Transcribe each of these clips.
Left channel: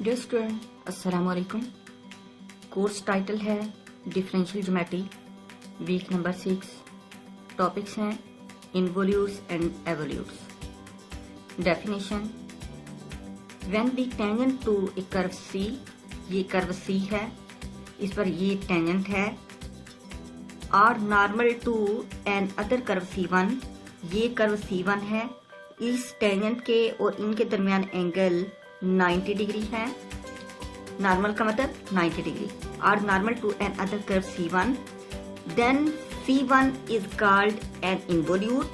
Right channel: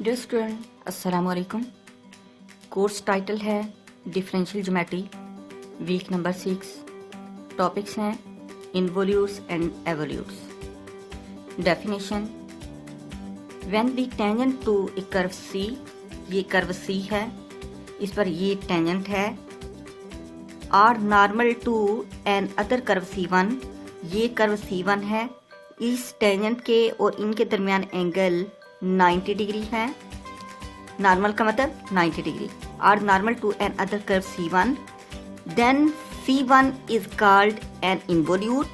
Dear student, अस्सलाम वालेकुम। Course title है differential geometry, week number 6। Topics हैं involutes and evolutes. Definition: when the tangent to a curve C, ये curve C है, इस पर ये टेंजेंट है, are normal to an other curve C1, ये कर्व C1 है, इस टेंजेंट के और इनके दरमियान एंगल 90 डिग्री है। नॉर्मल का मतलब 90 degree. Are normal to an other curve C1, then C1 is called an involute.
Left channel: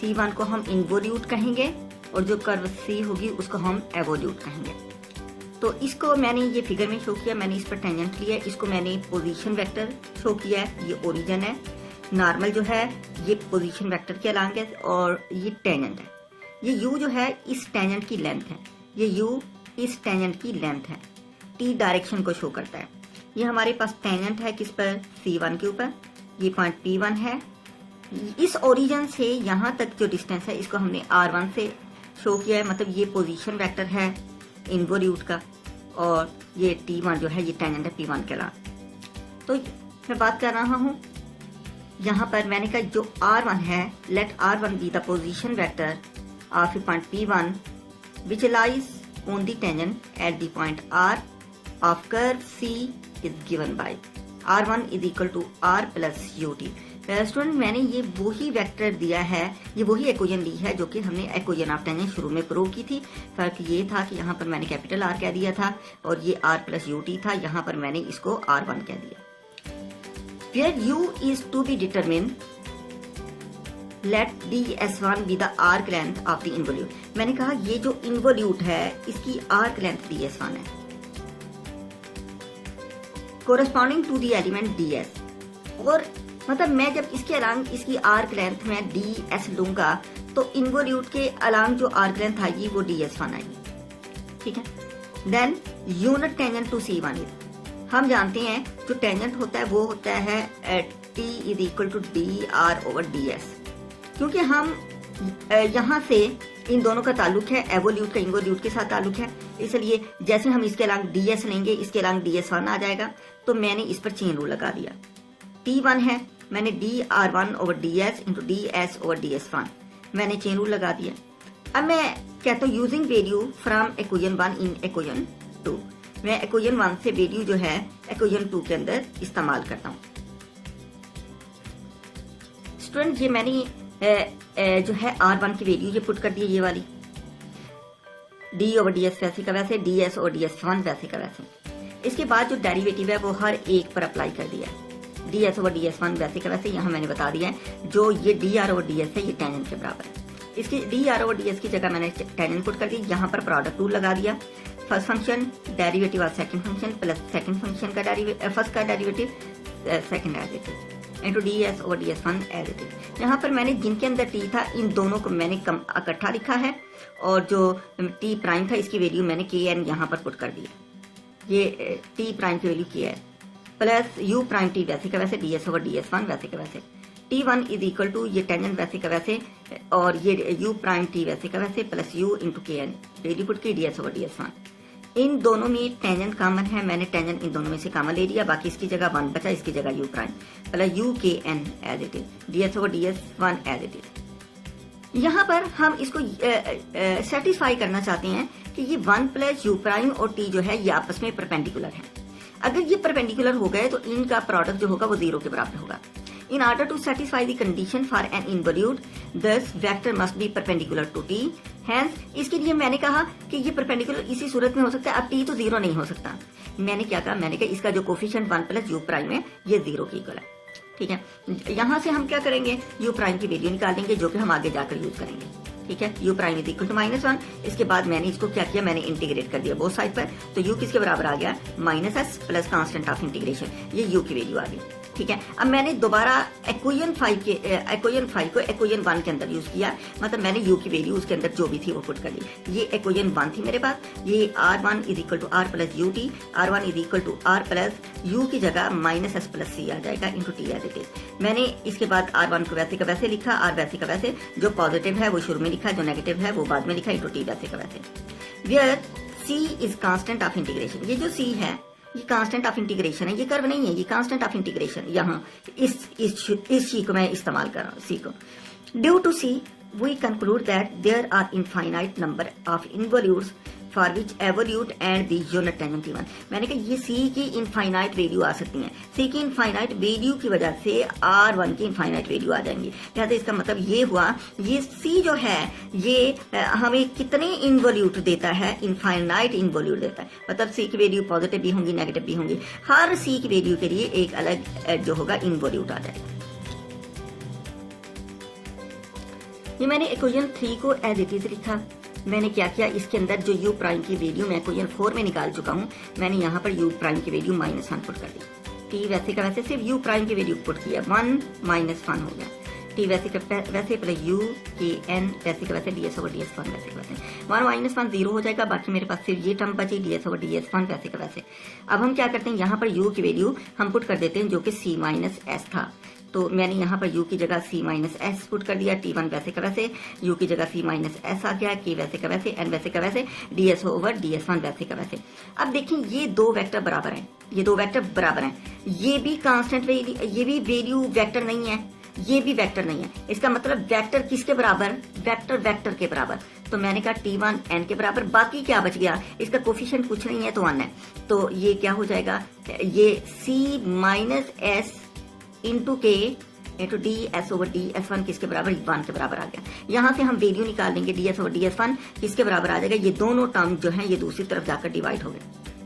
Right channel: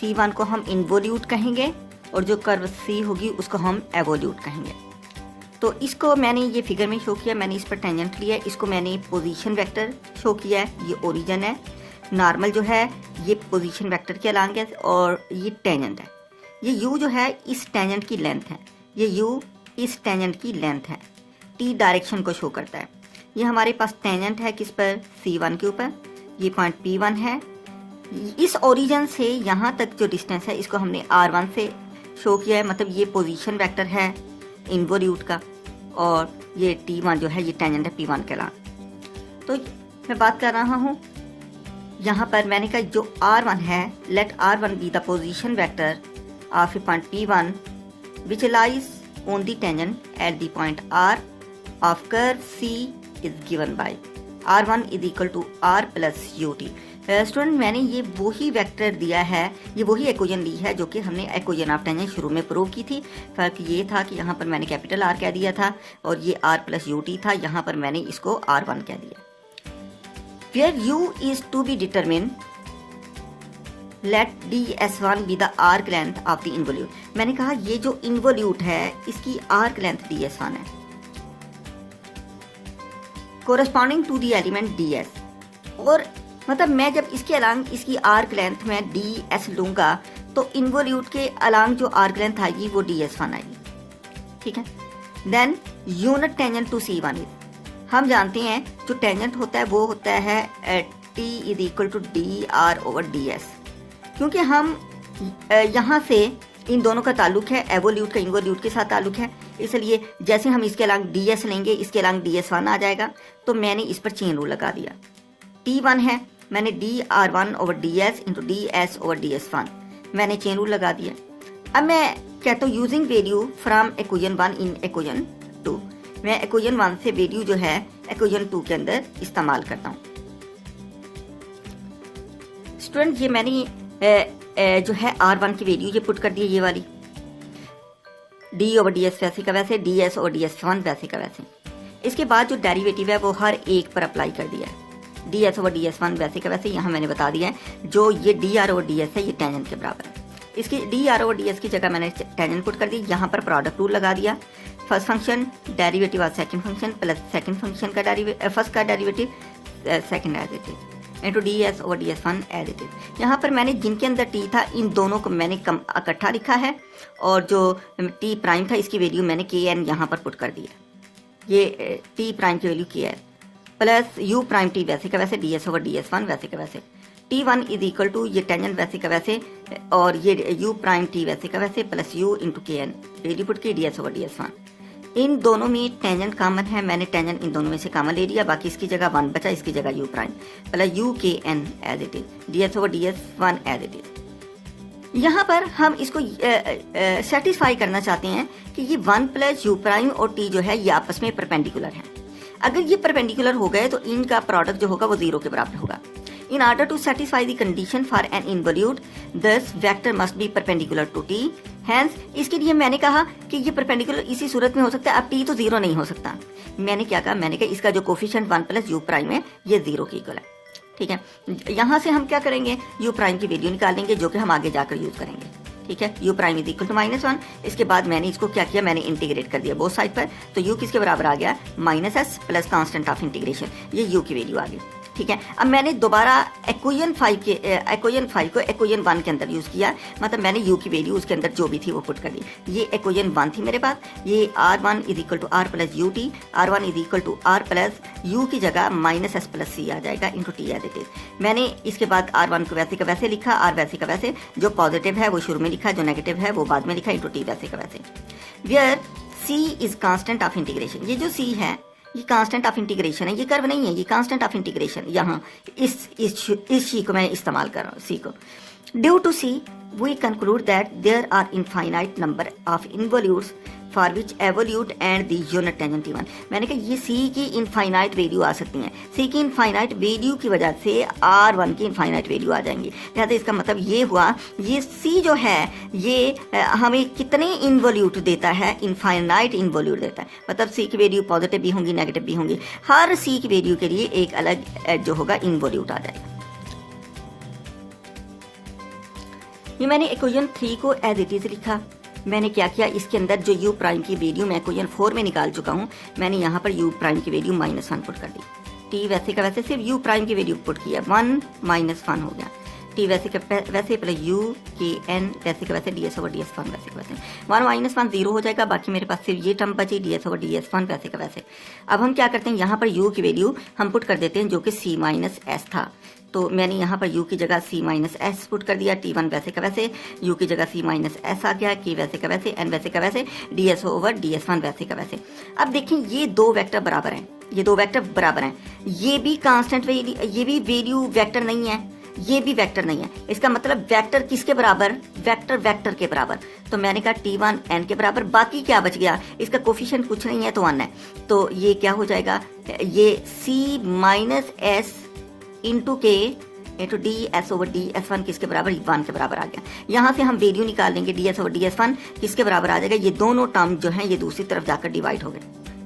C1 को हम इन्वोल्यूट कहेंगे और जो कर्व C होगी उसको हम एवोल्यूट कहेंगे। तो इसको मैंने ये फिगर में शो किया, मैंने इस पर टेंजेंट लिया, इसको मैंने पोजीशन वेक्टर शो किया है, ये ओरिजिन है। नॉर्मल जो है ये पोजीशन वेक्टर के अलांग है और ये टेंजेंट है। ये U जो है इस टेंजेंट की लेंथ है, ये U इस टेंजेंट की लेंथ है, T डायरेक्शन को शो करता है। ये हमारे पास टेंजेंट है किस पर, C1 के ऊपर, ये पॉइंट P1 है। इस ओरिजिन से यहाँ तक जो डिस्टेंस है इसको हमने R1 से शो किया है, मतलब ये पोजीशन वेक्टर है इन्वोल्यूट का, और ये T1 जो है ये टेंजेंट है P1 के अलावा। तो मैं बात कर रहा हूँ यहाँ पर, मैंने कहा जो R1 है, let R1 be the position vector of a point P1 which lies on the tangent at the point R of curve C is given by R1 is equal to R plus UT। Student, मैंने ये वही vector दिया है, ये वही equation ली है जो कि हमने इक्वेशन ऑफ टेंजेंट शुरू में प्रूव की थी। फर्क ये था कि यहाँ पर मैंने कैपिटल R कह दिया था और ये R plus UT था, यहाँ पर मैंने इसको R1 कह दिया। Where U is to be determined, let ds1 be the arc length of the involute। मैंने कहा ये जो इन्वोल्यूट है इसकी आर्क लेंथ ds1 है, corresponding to the element ds। और मतलब मैं जब इसके अलांग इसकी आर्क लेंथ में ds लूंगा तो इन्वोल्यूट के अलांग जो आर्क लेंथ आएगी वो ds1 आएगी, ठीक है। Then unit tangent to C1 is, हम जानते हैं जो टेंजेंट होता है वो होता है t is equal to dr over ds। क्योंकि हम यहाँ से इन दोनों का ताल्लुक है, एवोल्यूट का इन्वोल्यूट के साथ ताल्लुक है, इसलिए जैसे हम इसके अलांग ds लेंगे इसके अलांग ds1 आ जाएगा, तो मैंने इस पर चेन रूल लगा दिया। T1 है, मैंने dr1 over ds into ds over ds1 मैंने चेन रूल लगा दिया। अब मैं कहता हूँ using value from equation 1 in equation 2, मैं इक्वेशन 1 से वैल्यू जो है इक्वेशन 2 के अंदर इस्तेमाल करता हूँ। स्टूडेंट, ये मैंने जो है R1 की वैल्यू ये पुट कर दी है, ये वाली d ओवर ds वैसे का वैसे, ds ओवर ds1 वैसे का वैसे। इसके बाद जो डेरिवेटिव है वो हर एक पर अप्लाई कर दिया है, ds ओवर ds1 वैसे का वैसे। यहाँ मैंने बता दिया है जो ये dr ओवर ds है ये टेंजेंट के बराबर है, इसकी dr ओवर ds की जगह मैंने टेंजेंट पुट कर दी। यहाँ पर प्रोडक्ट रूल लगा दिया, first function derivative of second function plus second function का फर्स्ट का derivative second derivative into ds over ds1 as it is. यहाँ पर मैंने जिनके अंदर t था इन दोनों को मैंने इकट्ठा लिखा है, और जो t प्राइम था इसकी वैल्यू मैंने kn यहाँ पर पुट कर दिया। ये t प्राइम की वैल्यू k है प्लस u प्राइम t वैसे का वैसे, ds ओवर ds1 वैसे का वैसे। t1 इज इक्वल टू ये टेंजेंट वैसे का वैसे और ये u प्राइम t वैसे का वैसे plus u into kn value put की ds ओवर ds1। इन दोनों में टेंजेंट कॉमन है, मैंने टेंजेंट इन दोनों में से कॉमन ले लिया, बाकी इसकी जगह 1 बचा, इसकी जगह u prime plus u k n as it is, ds over ds1 as it is. यहाँ पर हम इसको सेटिस्फाई करना चाहते हैं कि ये 1 प्लस u प्राइम और t जो है ये आपस में परपेंडिकुलर है। अगर ये परपेंडिकुलर हो गए तो इनका प्रोडक्ट जो होगा वो 0 के बराबर होगा। In order to satisfy the condition for an involute, thus vector must be perpendicular to t। Hence, इसके लिए मैंने कहा कि ये परपेंडिकुलर इसी सूरत में हो सकता है, अब t तो 0 नहीं हो सकता। मैंने क्या कहा, मैंने कहा इसका जो कोफिशिएंट 1 प्लस u प्राइम है ये 0 के इक्वल है, ठीक है। यहाँ से हम क्या करेंगे, u प्राइम की वैल्यू निकालेंगे जो कि हम आगे जाकर यूज करेंगे, ठीक है। u prime is equal to -1। इसके बाद मैंने इसको क्या किया, मैंने इंटीग्रेट कर दिया बोथ साइड पर, तो u किसके बराबर आ गया, -s plus constant of integration, ये u की वैल्यू आ गई, ठीक है। अब मैंने दोबारा इक्वेशन 5 को इक्वेशन 1 के अंदर यूज किया, मतलब मैंने u की वैल्यू उसके अंदर जो भी थी वो पुट कर दी। ये इक्वेशन 1 थी मेरे पास, ये r1 is equal to r plus ut, r1 is equal to r plus u की जगह -s प्लस c आ जाएगा into t as it is. मैंने इसके बाद r1 को वैसे का वैसे लिखा, r वैसे का वैसे, जो पॉजिटिव है वो शुरू में लिखा, जो नेगेटिव है वो बाद में लिखा, इंटू t वैसे का वैसे। Where C is constant of integration. ये जो सी है ये कांस्टेंट ऑफ इंटीग्रेशन है, ये कर्व नहीं है, ये कांस्टेंट ऑफ इंटीग्रेशन। यहाँ इस सी को मैं इस्तेमाल कर रहा हूँ, सी को। Due to C we conclude that there are infinite number of involutes for which evolute and the unit tangent T1। मैंने कहा ये सी की इनफाइनाइट वैल्यू आ सकती हैं, सी की इनफाइनाइट वैल्यू की वजह से R1 की इनफाइनाइट वैल्यू आ जाएंगी। लिहाजा इसका मतलब ये हुआ, ये सी जो है ये हमें कितने इन्वोल्यूट देता है, इनफाइनाइट इन्वोल्यूट देता है। मतलब सी की वैल्यू पॉजिटिव भी होंगी, नेगेटिव भी होंगी, हर सी की वैल्यू के लिए एक अलग जो होगा इन्वोल्यूट आ जाएगा। ये मैंने इक्वेशन 3 को एज इट इज लिखा। मैंने क्या किया, इसके अंदर जो u प्राइम की वैल्यू मैं इक्वेशन 4 में निकाल चुका हूँ, मैंने यहाँ पर u प्राइम की वैल्यू -1 पुट कर दी। t वैसे का वैसे सिर्फ u प्राइम की वैल्यू पुट किया, 1 -1 हो गया। t वैसे का वैसे प्लस u के n वैसे का वैसे ds/ds1 वैसे का वैसे 1 - 1 0 हो जाएगा। बाकी मेरे पास सिर्फ ये टर्म बची ds/ds1 वैसे का वैसे। अब हम क्या करते हैं, यहाँ पर u की वैल्यू हम पुट कर देते हैं जो कि c - s था। तो मैंने यहाँ पर u की जगह c - s पुट कर दिया, t1 वैसे का वैसे, u की जगह c - s आ गया, k वैसे का वैसे, n वैसे का वैसे, ds/ds1 वैसे का वैसे। अब देखिए ये दो वेक्टर बराबर हैं, ये दो वेक्टर बराबर हैं, ये भी कांस्टेंट वैल्यू, ये भी वैल्यू वेक्टर नहीं है, ये भी वेक्टर नहीं है। इसका मतलब वेक्टर किसके बराबर, वेक्टर के बराबर। तो मैंने कहा t1 n के बराबर, बाकी क्या बच गया, इसका कोफिशिएंट कुछ नहीं है तो 1 है। तो ये क्या हो जाएगा, ये c - s इंटू के इंटू ds/ds1 किसके बराबर, 1 के बराबर आ गया। यहाँ से हम वैल्यू निकाल लेंगे, ds/ds1 किसके बराबर आ जाएगा, ये दोनों टर्म जो हैं ये दूसरी तरफ जाकर डिवाइड हो गए।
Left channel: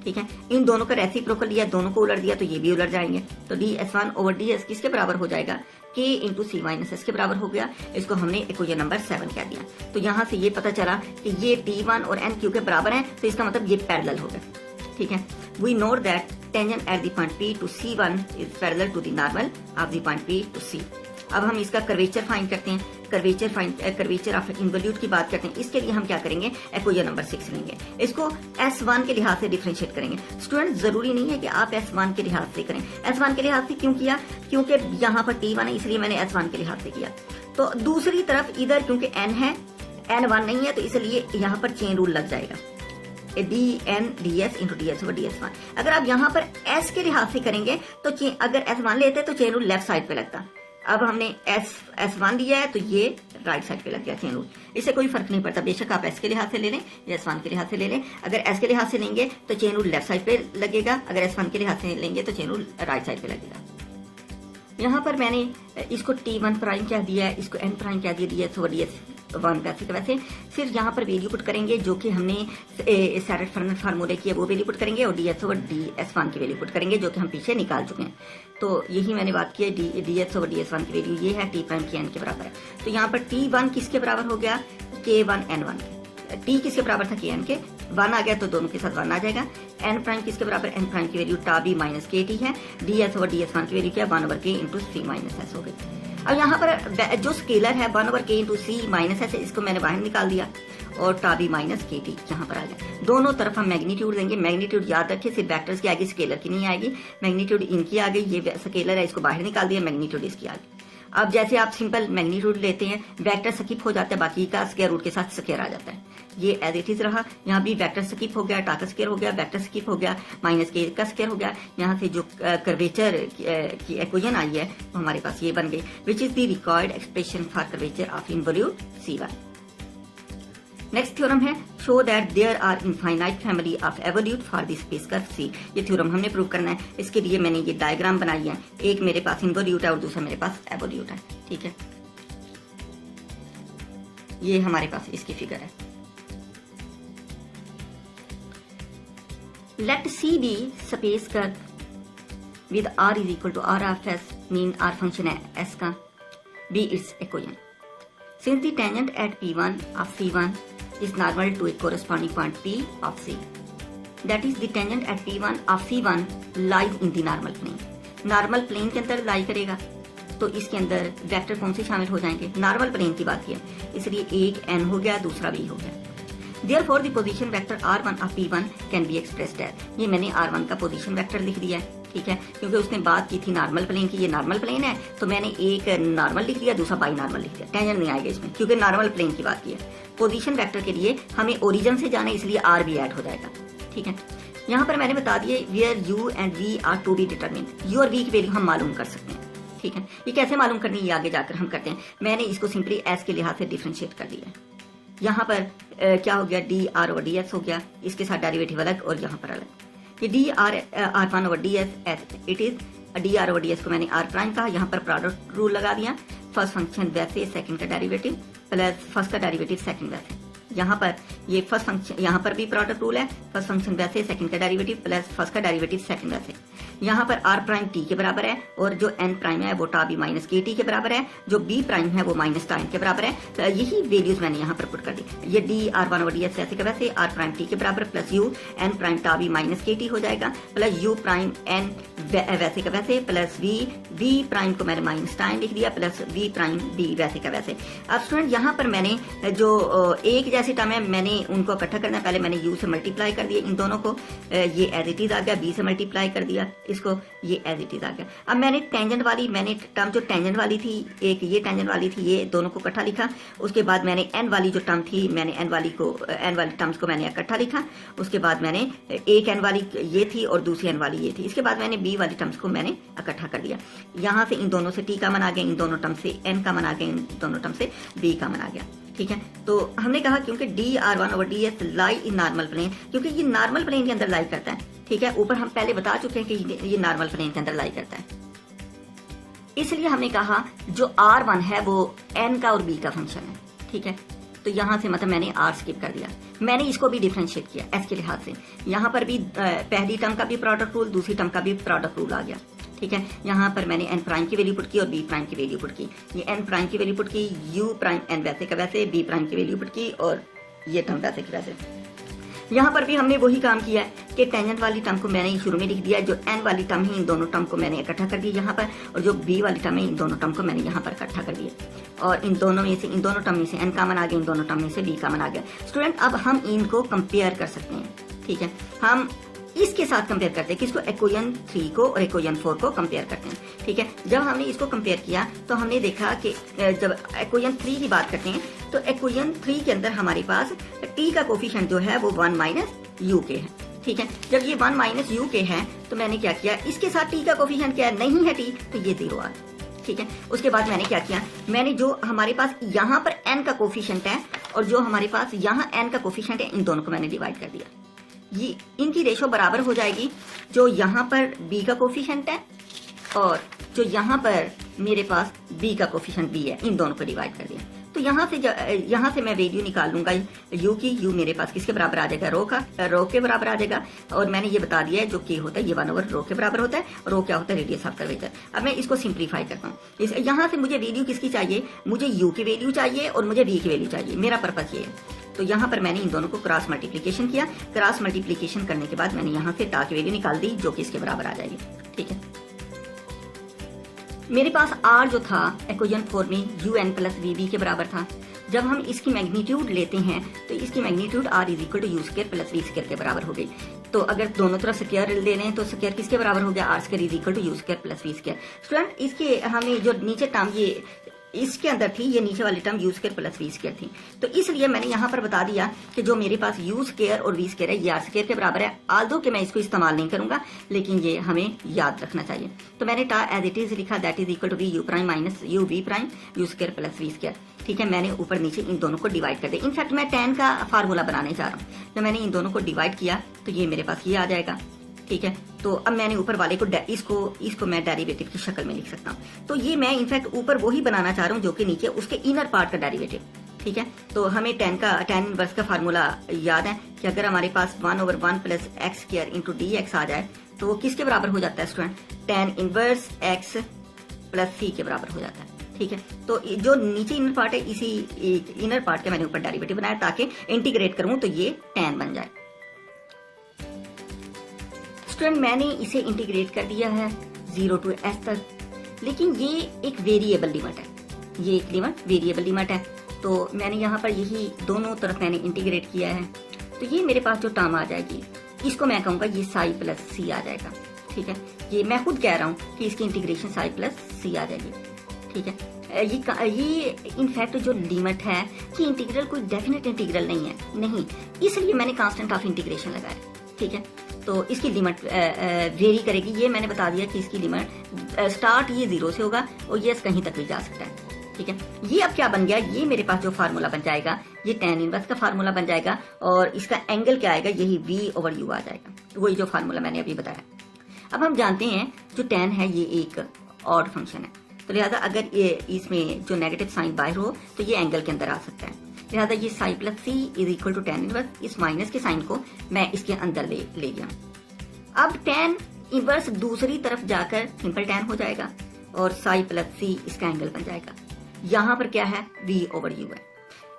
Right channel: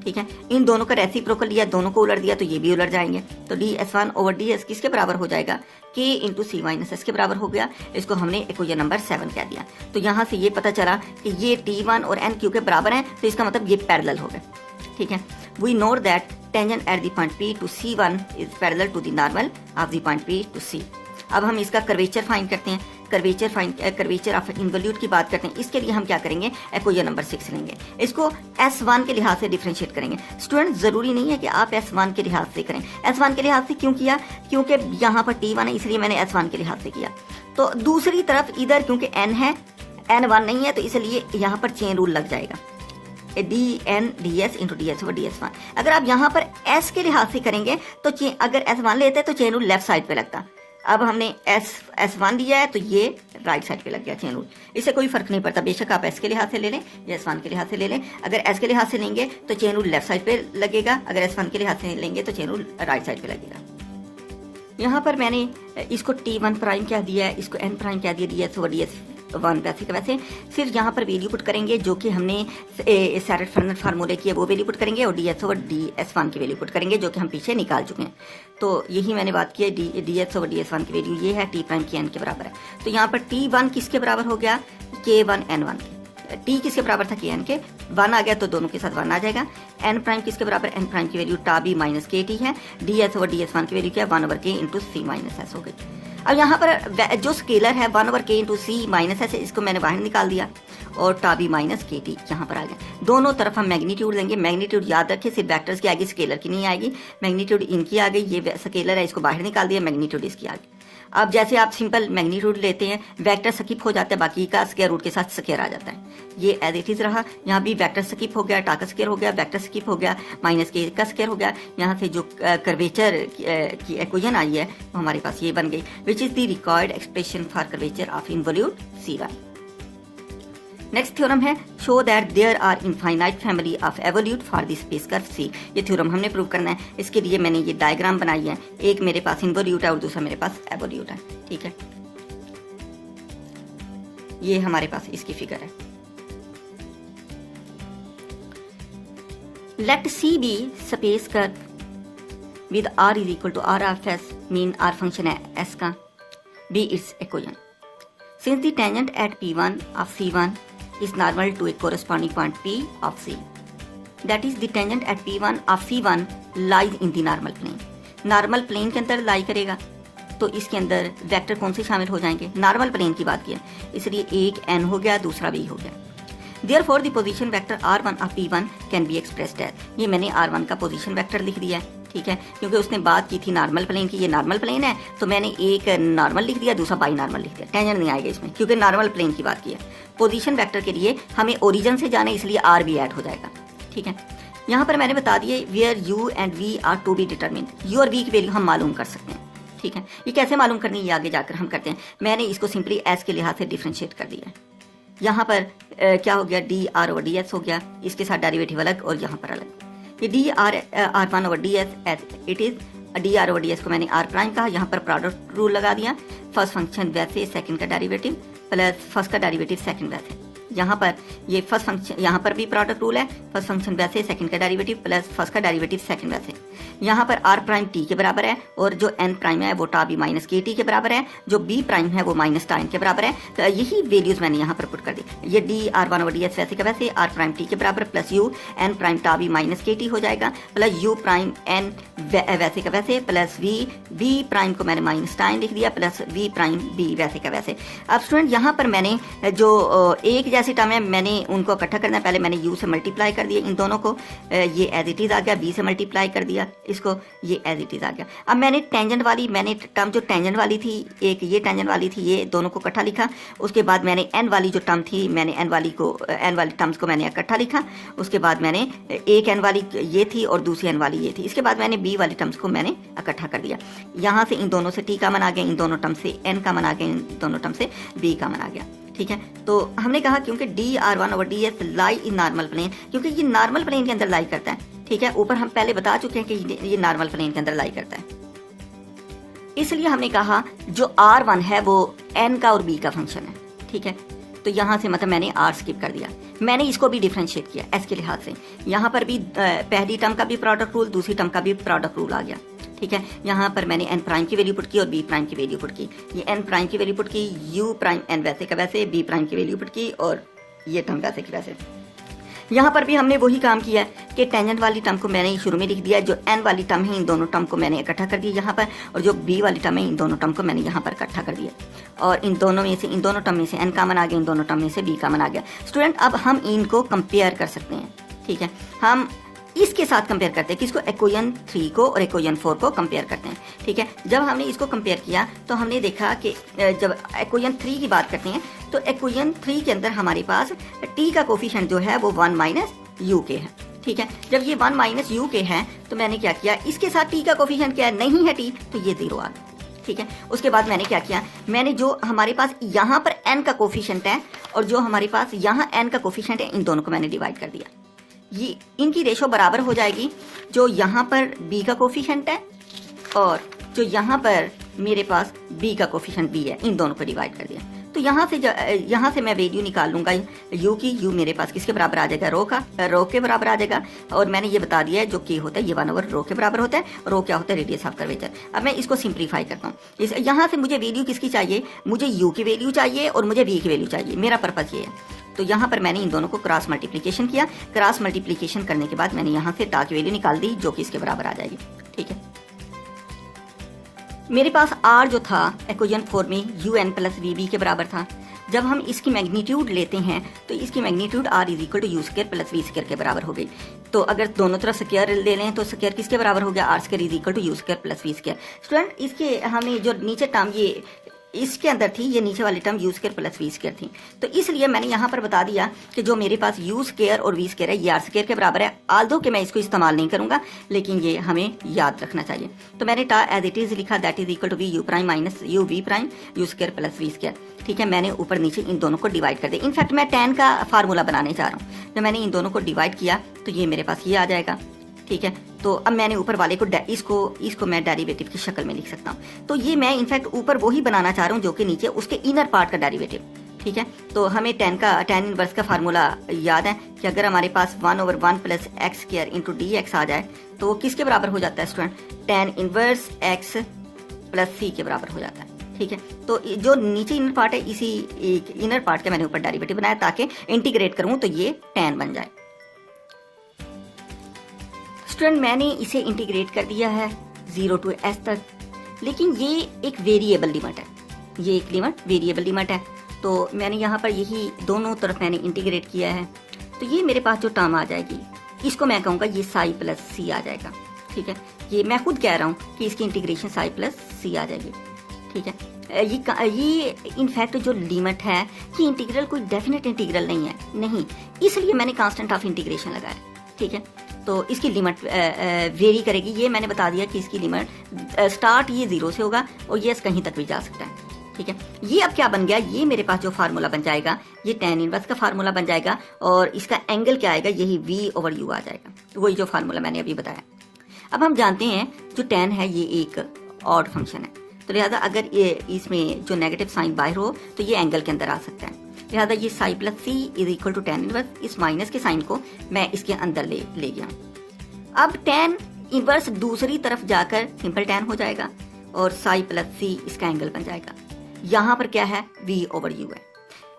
ठीक है, इन दोनों का रेसिप्रोकल लिया, दोनों को उलट दिया तो ये भी उलट जाएंगे। तो ds1/ds किसके बराबर हो जाएगा, k इंटू c - s के बराबर हो गया। इसको हमने इक्वेशन नंबर 7 कह दिया। तो यहाँ से ये पता चला कि ये t1 और n q के बराबर हैं, तो इसका मतलब ये पैरेलल हो गए। ठीक है, we know that tangent at the point P to C1 is parallel to the normal of the point P to C। अब हम इसका कर्वेचर फाइंड करते हैं, कर्वेचर ऑफ इन्वोल्यूट की बात करते हैं। इसके लिए हम क्या करेंगे, इक्वेशन नंबर 6 लेंगे, इसको S1 के लिहाज से डिफरेंशिएट करेंगे। स्टूडेंट जरूरी नहीं है कि आप S1 के लिहाज से करें। S1 के लिहाज से क्यों किया, क्योंकि यहाँ पर T1 है इसलिए मैंने S1 के लिहाज से किया। तो दूसरी तरफ इधर क्योंकि n है, n1 नहीं है, तो इसलिए यहाँ पर चेन रूल लग जाएगा, dn ds इंटू ds/ds1। अगर आप यहाँ पर s के लिहाज से करेंगे तो अगर s1 लेते तो चेन रूल लेफ्ट साइड पे लगता। अब हमने s1 लिया है तो ये राइट साइड पे लग गया चेन रूल। इससे कोई फर्क नहीं पड़ता, बेशक आप s के लिहाज से ले लें या s1 के लिहाज से ले लें। अगर s के लिहाज से लेंगे तो चेन रूल लेफ्ट साइड पे लगेगा, अगर s1 के लिहाज से लेंगे तो चेन रूल राइट साइड पे लगेगा। यहाँ पर मैंने इसको t1 प्राइम कह दिया है, इसको n प्राइम कह दिया, ds/ds1 वैसे का वैसे। फिर यहाँ पर वैल्यू पुट करेंगे जो कि हमने सेरेट फार्मूले की है, वो वैल्यू पुट करेंगे, और ds/ds1 की वैल्यू पुट करेंगे जो कि हम पीछे निकाल चुके हैं। तो यही मैंने बात की है, ds/ds1 की वैल्यू ये है, t प्राइम की n के बराबर है। तो यहाँ पर t1 किसके बराबर हो गया, k1 n1 के। t किसके बराबर था, kn के, 1 आ गया तो दोनों के साथ 1 आ जाएगा। n प्राइम किसके बराबर, n प्राइम की वैल्यू टाबी - kt है, ds/ds1 की वैल्यू क्या है, 1/k इंटू c - s हो गई। अब यहाँ पर जो स्केलर है 1/k इंटू c - s, इसको मैंने बाहर निकाल दिया और टाबी - kt यहाँ पर आ गया। दोनों तरफ हम मैग्नीट्यूड लेंगे। मैग्नीट्यूड याद रखें सिर्फ वेक्टर्स की आएगी, स्केलर की नहीं आएगी। मैग्नीट्यूड इनकी आ गई, ये स्केलर है, इसको बाहर निकाल दिया, मैग्नीट्यूड इसकी आ गई। अब जैसे आप सिंपल मैग्नीट्यूड लेते हैं, वेक्टर स्किप हो जाता है, बाकी का स्क्वायर रूट के साथ स्क्वायर आ जाता है। ये एज इट इज रहा, यहाँ भी वेक्टर स्किप हो गया, टा का स्क्वायर हो गया, वेक्टर स्किप हो गया, -k का स्क्वायर हो गया। यहाँ से जो कर्वेचर की इक्वेशन आई है हमारे पास ये बन गई, which is the required expression for curvature of involute C1। Next theorem है, show that there are infinite family of evolute for the space curve C। ये थ्योरम हमने प्रूव करना है। इसके लिए मैंने ये डायग्राम बनाई है, एक मेरे पास इन्वोल्यूट है और दूसरा मेरे पास एवोल्यूट है। ठीक है, ये हमारे पास इसकी फिगर है। Let C be space curve with R is equal to R of S, mean R function है S का, be its equation. Since the tangent at P1 of C1 is normal to a corresponding point P of C. That is the tangent at P1 of C1 lies in the normal plane. Normal plane के अंदर लाई करेगा तो इसके अंदर vector कौन से शामिल हो जाएंगे, नॉर्मल प्लेन की बात की है, इसलिए एक n हो गया, दूसरा b हो गया। Therefore the position vector r1 of p1 can be expressed as, ये मैंने r1 का पोजीशन वेक्टर लिख दिया है, ठीक है, क्योंकि उसने बात की थी नॉर्मल प्लेन की, ये नॉर्मल प्लेन है तो मैंने एक नॉर्मल लिख दिया, दूसरा बाई नॉर्मल लिख दिया, टेंजेंट नहीं आएगा इसमें क्योंकि नॉर्मल प्लेन की बात की है। पोजीशन वेक्टर के लिए हमें ओरिजिन से जाना है, इसलिए r भी ऐड हो जाएगा, ठीक है। यहाँ पर मैंने बता दिए where u and v are to be determine, u और v की वैल्यू हम मालूम कर सकते हैं, ठीक है। ये कैसे मालूम करनी है ये आगे जाकर हम करते हैं। मैंने इसको सिंपली s के लिहाज से डिफ्रेंशिएट कर दिया है। यहाँ पर क्या हो गया, D r over D S हो गया, इसके साथ डेरिवेटिव अलग और यहाँ पर अलग। ये d are one over D s as it is, d r over D s को मैंने आर प्राइम कहा, यहाँ पर प्रोडक्ट रूल लगा दिया, फर्स्ट फंक्शन वैसे सेकंड का डेरिवेटिव प्लस फर्स्ट का डेरिवेटिव सेकंड वैसे। यहाँ पर ये फर्स्ट फंक्शन, यहाँ पर भी प्रोडक्ट रूल है, फर्स्ट फंक्शन वैसे सेकंड का डेरिवेटिव प्लस फर्स्ट का डेरिवेटिव सेकंड वैसे। यहाँ पर आर प्राइम टी के बराबर है और जो एन प्राइम है वो टा बी माइनस के टी के बराबर है, जो बी प्राइम है वो माइनस टा एन के बराबर है। तो यही वैल्यूज मैंने यहाँ पर पुट कर दी। ये d are one over D S वैसे का वैसे, आर प्राइम टी के बराबर प्लस यू एन प्राइम टा बी माइनस के टी हो जाएगा, प्लस यू प्राइम एन वैसे का वैसे, प्लस वी प्राइम को मैंने माइनस टा एन लिख दिया, प्लस वी प्राइम बी वैसे का वैसे। अब स्टूडेंट यहाँ पर मैंने जो एक जैसी टर्म है मैंने उनको इकट्ठा करना, पहले मैंने u से मल्टीप्लाई कर दिया इन दोनों को, ये एज इट इज आ गया, b से मल्टीप्लाई कर दिया इसको, ये एज इट इज आ गया। अब मैंने टेंजेंट वाली, मैंने टर्म जो टेंजेंट वाली थी, एक ये टेंजेंट वाली थी, ये दोनों को इकट्ठा लिखा। उसके बाद मैंने n वाली जो टर्म थी, मैंने n वाली टर्म्स को मैंने इकट्ठा लिखा। उसके बाद मैंने एक n वाली ये थी और दूसरी n वाली ये थी। इसके बाद मैंने b वाली टर्म्स को मैंने इकट्ठा कर दिया। यहाँ से इन दोनों से t कॉमन आ गया, इन दोनों टर्म से n कॉमन आ गया, इन दोनों टर्म से b कॉमन आ गया, ठीक है। तो हमने कहा क्योंकि D are one over D S lie in normal plane, क्योंकि ये नॉर्मल प्लेन के अंदर लाई करता है, ठीक है। ऊपर हम पहले बता चुके हैं कि ये नॉर्मल प्लेन के अंदर लाई करता है, इसलिए हमने कहा जो आर वन है वो एन का और बी का फंक्शन है, ठीक है। तो यहाँ से मतलब मैंने आर स्किप कर दिया, मैंने इसको भी डिफ्रेंशिएट किया एस के लिहाज से। यहाँ पर भी पहली टर्म का भी प्रोडक्ट रूल, दूसरी टर्म का भी प्रोडक्ट रूल आ गया, ठीक है। यहाँ पर मैंने एन प्राइम की वैल्यू पुट की और बी प्राइम की वैल्यू पुट की। ये एन प्राइम की वैल्यू पुट की, यू प्राइम एन वैसे का वैसे, बी प्राइम की वैल्यू पुट की और ये टर्म वैसे की वैसे। यहाँ पर भी हमने वही काम किया है कि टेंजेंट वाली टर्म को मैंने शुरू में लिख दिया, जो एन वाली टर्म है इन दोनों टर्म को मैंने इकट्ठा कर दिया यहाँ पर, और जो बी वाली टर्म है इन दोनों टर्म को मैंने यहाँ पर इकट्ठा कर दिया। और इन दोनों में से, इन दोनों टर्म में से एन कॉमन आ गया, इन दोनों टर्म में से बी कॉमन आ गया। स्टूडेंट अब हम इनको कंपेयर कर सकते हैं, ठीक है। हम इसके साथ कंपेयर करते हैं, किसको, इक्वेशन 3 को और इक्वेशन 4 को कंपेयर करते हैं, ठीक है। जब हमने इसको कंपेयर किया तो हमने देखा कि जब इक्वेशन 3 की बात करते हैं तो इक्वेशन 3 के अंदर हमारे पास t का कोफिशिएंट जो है वो 1 माइनस यू के है, ठीक है। जब ये 1 माइनस यू के है तो मैंने क्या किया, इसके साथ t का कोफिशिएंट क्या है, नहीं है t, तो ये 0 आ, ठीक है। उसके बाद मैंने क्या किया, मैंने जो हमारे पास यहाँ पर n का कोफिशिएंट है और जो हमारे पास यहाँ n का कोफिशिएंट है, इन दोनों को मैंने डिवाइड कर दिया। ये इनकी रेशो बराबर हो जाएगी, जो यहाँ पर b का कोफिशिएंट है और जो यहाँ पर मेरे पास b का कोफिशिएंट b है, इन दोनों को डिवाइड कर दिया। तो यहाँ से मैं वैल्यू निकाल लूँगा u की, u मेरे पास किसके बराबर आ जाएगा, रो के बराबर आ जाएगा। और मैंने ये बता दिया है जो k होता है ये 1 ओवर रो के बराबर होता है, रो क्या होता है, रेडियस ऑफ कर्वेचर। अब मैं इसको सिंप्लीफाई करता हूँ। यहाँ से मुझे वैल्यू किसकी चाहिए, मुझे u की वैल्यू चाहिए और मुझे v की वैल्यू चाहिए, मेरा पर्पस ये है। तो यहाँ पर मैंने इन दोनों को क्रॉस मल्टीप्लिकेशन किया। क्रॉस मल्टीप्लिकेशन करने के बाद मैंने यहाँ से टा की वैल्यू निकाल दी, जो कि इसके बराबर आ जाएगी, ठीक है। मेरे पास r जो था इक्वेशन 4 में un प्लस वी के बराबर था। जब हम इसकी मैग्नीट्यूड लेते हैं तो इसकी magnitude r is equal to U square plus V square के बराबर हो गई। तो अगर दोनों तरफ स्क्वायर ले लें तो स्क्वायर किसके बराबर हो गया, r square is equal to U square plus V square. Student इसके हमें जो नीचे टर्म ये इसके अंदर थी, ये नीचे वाली term U square plus V square थी, तो इसलिए मैंने यहाँ पर बता दिया कि जो मेरे पास यू स्क्वायर और वी स्क्वायर है ये आर स्क्वायर के बराबर है। आल्दो कि मैं इसको इस्तेमाल नहीं करूंगा, लेकिन ये हमें याद रखना चाहिए। तो मैंने टा एज इट इज लिखा, that is equal to V U prime minus U V prime U square plus V square, ठीक है। मैंने ऊपर नीचे इन दोनों को डिवाइड कर दिया। इनफैक्ट मैं tan का फार्मूला बनाने जा रहा हूँ। जब मैंने इन दोनों को डिवाइड किया तो ये मेरे पास ये आ जाएगा, ठीक है। तो अब मैंने ऊपर वाले को इसको मैं डेरिवेटिव की शक्ल में लिख सकता हूँ। तो ये मैं इनफैक्ट ऊपर वही बनाना चाह रहा हूँ जो कि नीचे उसके इनर पार्ट का डेरिवेटिव, ठीक है। तो हमें tan इनवर्स का फार्मूला याद है कि अगर हमारे पास 1 over 1 plus x square into d x आ जाए तो वो किसके बराबर हो जाता है student, tan inverse x plus C के बराबर हो जाता है, ठीक है। तो जो नीचे इनर पार्ट है, इसी इनर पार्ट के मैंने ऊपर डेरिवेटिव बनाया ताकि इंटीग्रेट करूँ तो ये tan बन जाए। स्टूडेंट मैंने इसे इंटीग्रेट कर दिया है 0 to s तक, लेकिन ये एक वेरिएबल लिमिट है, ये एक वेरिएबल लिमिट है। तो मैंने यहाँ पर यही दोनों तरफ मैंने इंटीग्रेट किया है, तो ये मेरे पास जो टर्म आ जाएगी इसको मैं कहूँगा ये साई प्लस सी आ जाएगा। ठीक है, ये मैं खुद कह रहा हूँ कि इसकी इंटीग्रेशन साई प्लस सी आ जाएगी। ठीक है, ये इनफैक्ट जो लिमिट है ये इंटीग्रल कोई डेफिनेट इंटीग्रल नहीं है, नहीं, इसलिए मैंने कांस्टेंट ऑफ इंटीग्रेशन लगाया। ठीक है, तो इसकी लिमिट वेरी करेगी, ये मैंने बता दिया कि इसकी लिमिट स्टार्ट ये 0 से होगा और ये कहीं तक भी जा सकता है। ठीक है, ये अब क्या बन गया, ये मेरे पास जो फार्मूला बन जाएगा ये tan इनवर्स का फार्मूला बन जाएगा और इसका एंगल क्या आएगा, यही v/u आ जाएगा, वही जो फार्मूला मैंने अभी बताया। अब हम जानते हैं जो tan है ये एक ऑड फंक्शन है, तो लिहाजा अगर ये इसमें जो नेगेटिव साइन बाहर हो तो ये एंगल के अंदर आ सकता है, लिहाजा ये psi plus C is equal to tan inverse, इस माइनस के साइन को मैं इसके अंदर ले गया। अब tan इनवर्स दूसरी तरफ जाकर सिंपल tan हो जाएगा और साई प्लस सी इसका एंगल बन जाएगा। यहाँ पर क्या है, v/u है।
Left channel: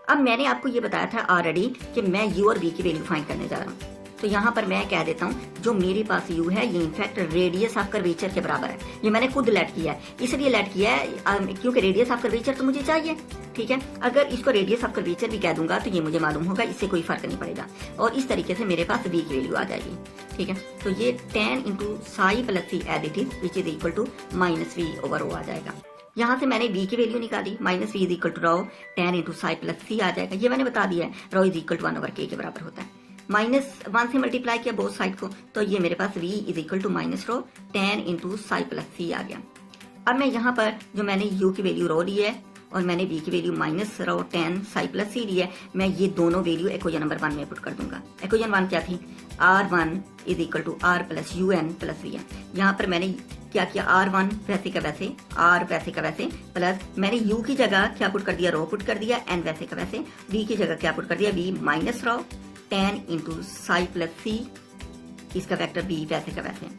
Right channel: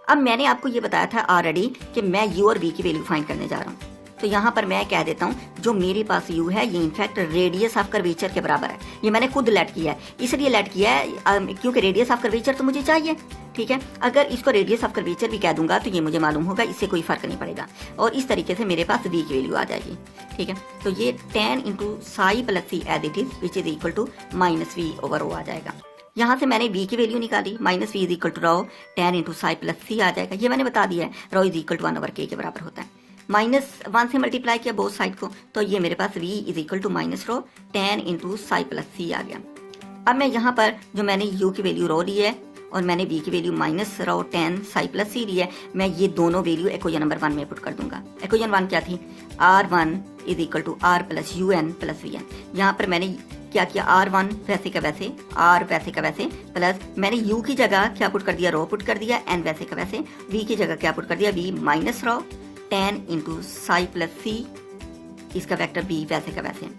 अब मैंने आपको ये बताया था ऑलरेडी कि मैं u और v की वैल्यू फाइंड करने जा रहा हूँ, तो यहाँ पर मैं कह देता हूँ जो मेरे पास u है ये इनफैक्ट रेडियस ऑफ कर्वेचर के बराबर है। ये मैंने खुद लेट किया है, इसलिए लेट किया है क्योंकि रेडियस ऑफ कर्वेचर तो मुझे चाहिए। ठीक है, अगर इसको रेडियस ऑफ कर्वेचर भी कह दूंगा तो ये मुझे मालूम होगा, इससे कोई फर्क नहीं पड़ेगा और इस तरीके से मेरे पास v की वैल्यू आ जाएगी। ठीक है, तो ये tan into psi plus C as it is which is equal to -v/ρ आ जाएगा। यहाँ से मैंने v की वैल्यू निकाली, -v is equal to ρ tan into psi plus C आ जाएगा, ये मैंने बता दिया है, ρ इज इक्वल टू 1/k के बराबर होता है। -1 से मल्टीप्लाई किया बोथ साइड को, तो ये मेरे पास v is equal to -ρ tan into psi plus C आ गया। अब मैं यहाँ पर जो मैंने u की वैल्यू ρ ली है और मैंने v की वैल्यू -ρ tan साई प्लस सी ली है, मैं ये दोनों वैल्यू इक्वेशन नंबर 1 में पुट कर दूंगा। इक्वेशन 1 क्या थी, r1 is equal to r plus un plus vn। यहाँ पर मैंने क्या किया, r1 वैसे का वैसे, r वैसे का वैसे, प्लस मैंने u की जगह क्या पुट कर दिया, ρ पुट कर दिया, n वैसे का वैसे, v की जगह क्या पुट कर दिया, v -ρ tan into psi plus C, इसका वेक्टर v वैसे का वैसे।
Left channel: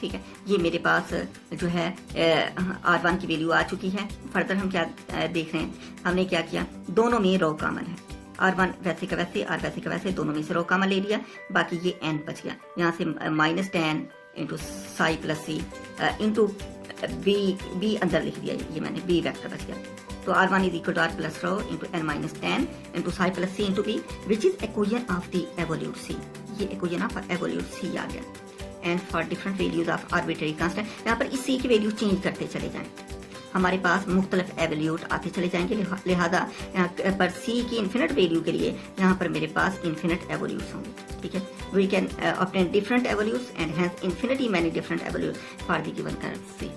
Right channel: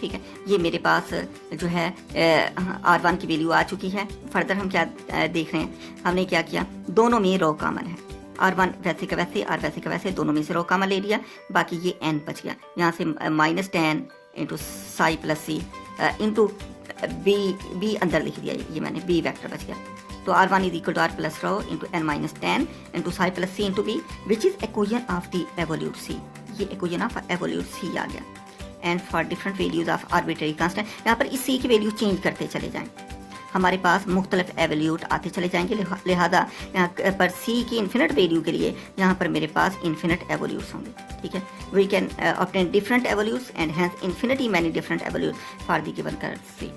ठीक है, ये मेरे पास जो है r1 की वैल्यू आ चुकी है। फर्दर हम क्या देख रहे हैं, हमने क्या किया, दोनों में ρ कॉमन है, r1 वैसे का वैसे, r वैसे का वैसे, दोनों में से ρ कॉमन ले लिया, बाकी ये n बच गया, यहाँ से -tan into psi plus C into b अंदर लिख दिया, ये मैंने b वेक्टर बच गया। तो r1 is equal to r plus ρ into n minus tan into psi plus C into b which is equation of the evolute c, ये equation of evolute c आ गया। And for different values of arbitrary constant, यहाँ पर इस c की value change करते चले जाएं, हमारे पास मुख्तलिफ एवोल्यूट आते चले जाएंगे, लिहाजा यहाँ पर c की इन्फिनिट वैल्यू के लिए यहाँ पर मेरे पास इन्फिनिट एवोल्यूट्स होंगे। ठीक है, we can obtain different evolutes and hence infinity many different evolutes for the given curve c।